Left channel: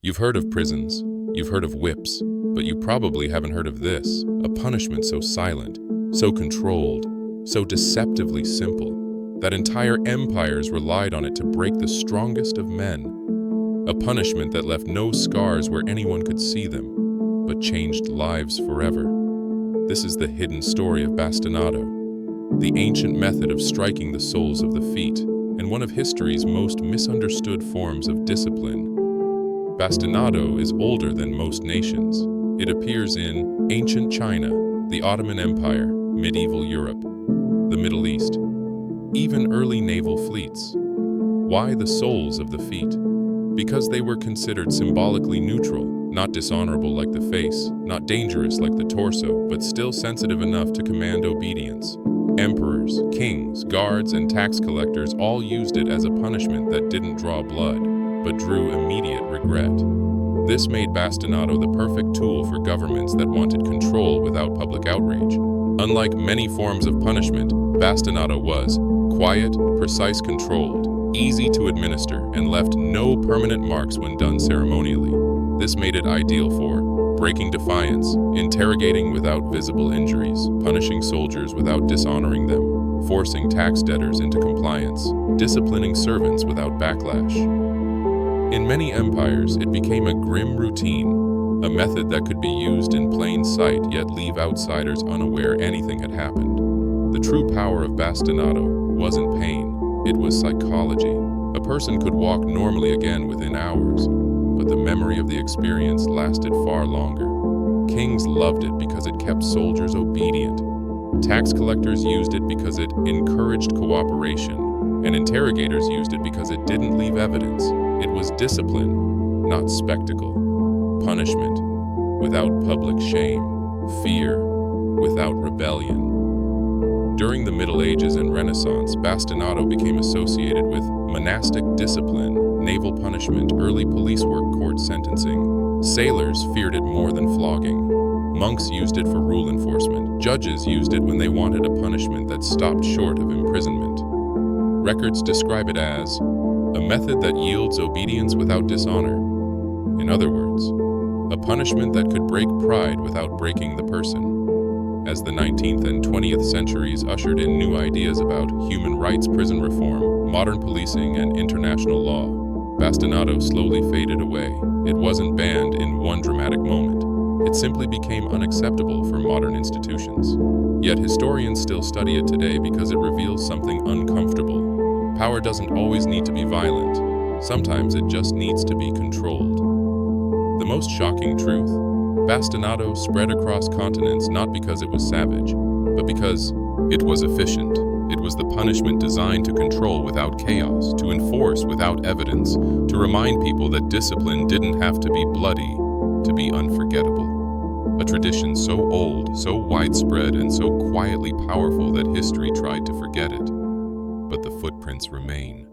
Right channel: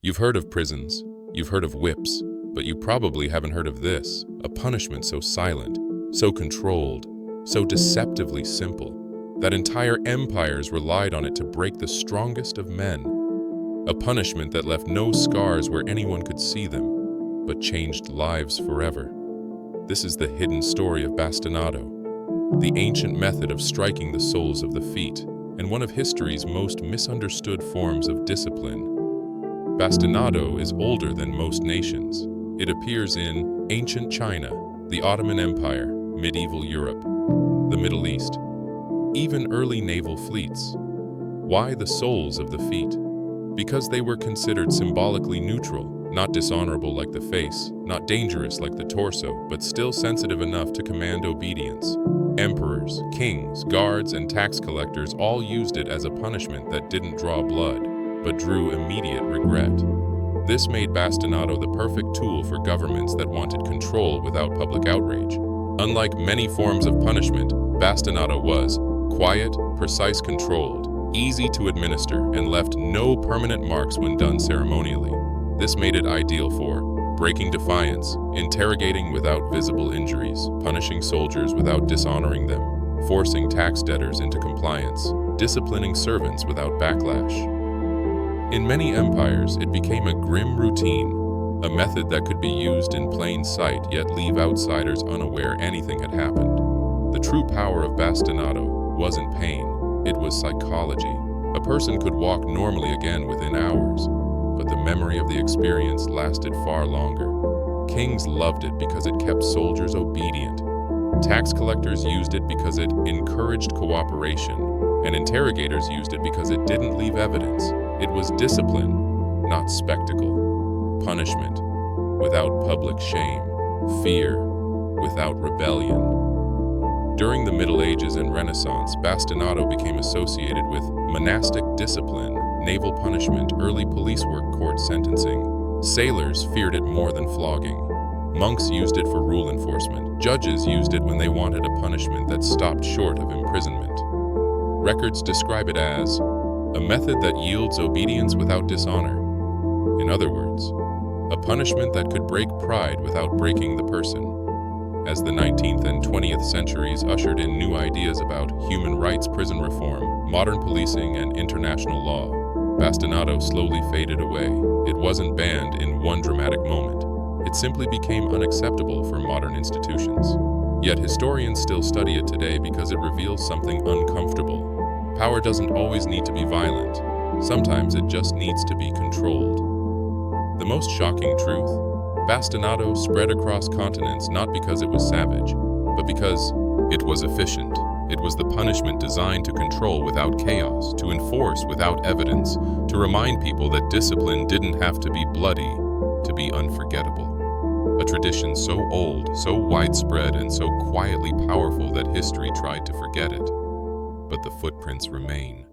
You've heard of prisons, you've heard of whips, but you probably haven't heard of this, a punishment so silent, so controlled, so deceptively simple, that entire empires relied on it to break the strongest of men. A punishment that left no scars where anyone could see them, but changed lives forever. This is the hidden story of Bastinado, the ancient method of striking the soles of the feet, and one of history's most misunderstood forms of discipline. Bastinado is older than most nations. It appears in ancient China, the Ottoman Empire, medieval Europe, the Middle East, even early naval fleets. Why the soles of the feet? Because they were considered symbolically neutral, not dishonorable like the face, not dangerous like the torso, but still sensitive enough to command obedience. Emperors, kings, guards, and tax collectors all used it as a punishment that didn't draw blood, but drew immediate regret. This made bastinado the perfect tool for governments that wanted control without public outrage. Unlike many forms of punishment, bastinado was quiet, precise, controlled, easy to administer, and left no permanent marks when done ceremonially. This made it ideal for breaking defiance, interrogating without visible injuries, punishing soldiers without dishonoring them, forcing tax debtors into compliance, disciplining servants without backlash. In many empires, it became a grim routine, a method that could be used in plain sight yet leave outsiders unaware anything had happened. The true power of bastinado wasn't pain, it was psychology. A person could walk normally again within hours, but the memory of the experience lasted far longer. Kings loved it because it kept soldiers obedient. Tax collectors used it because it encouraged cooperation, and interrogators used it because it didn't leave evidence. It was discipline, not spectacle. Punishment without public shame. Fear without rebellion. During the Middle Ages and Renaissance, bastinado became associated with monastic discipline, naval punishment, early police work, court sentencing. Sailors feared it more than flogging. Monks used it for rule enforcement. Judges used it when they wanted a punishment that stopped short of imprisonment. Records describe it as a method that yields obedience without dishonor. In other words, a punishment that could break pride without breaking the person. As the 19th and 20th centuries ushered in new ideas about human rights, prison reform, modern policing, and international law, bastinado slowly faded away. It wasn't banned in one dramatic moment. It simply became unacceptable for modern institutions. Yet historians still study it today because it reveals something uncomfortable. Power doesn't always need to be violent. Sometimes it just needs to be controlled. The most shocking truth? Bastinado spread across continents not because it was savage, but because it was efficient. It was the punishment designed to control without chaos, to enforce without evidence, to remind people that discipline didn't have to be bloody to be unforgettable. A tradition so old, so widespread, and so quietly powerful that history tried to forget it. But the footprints remain.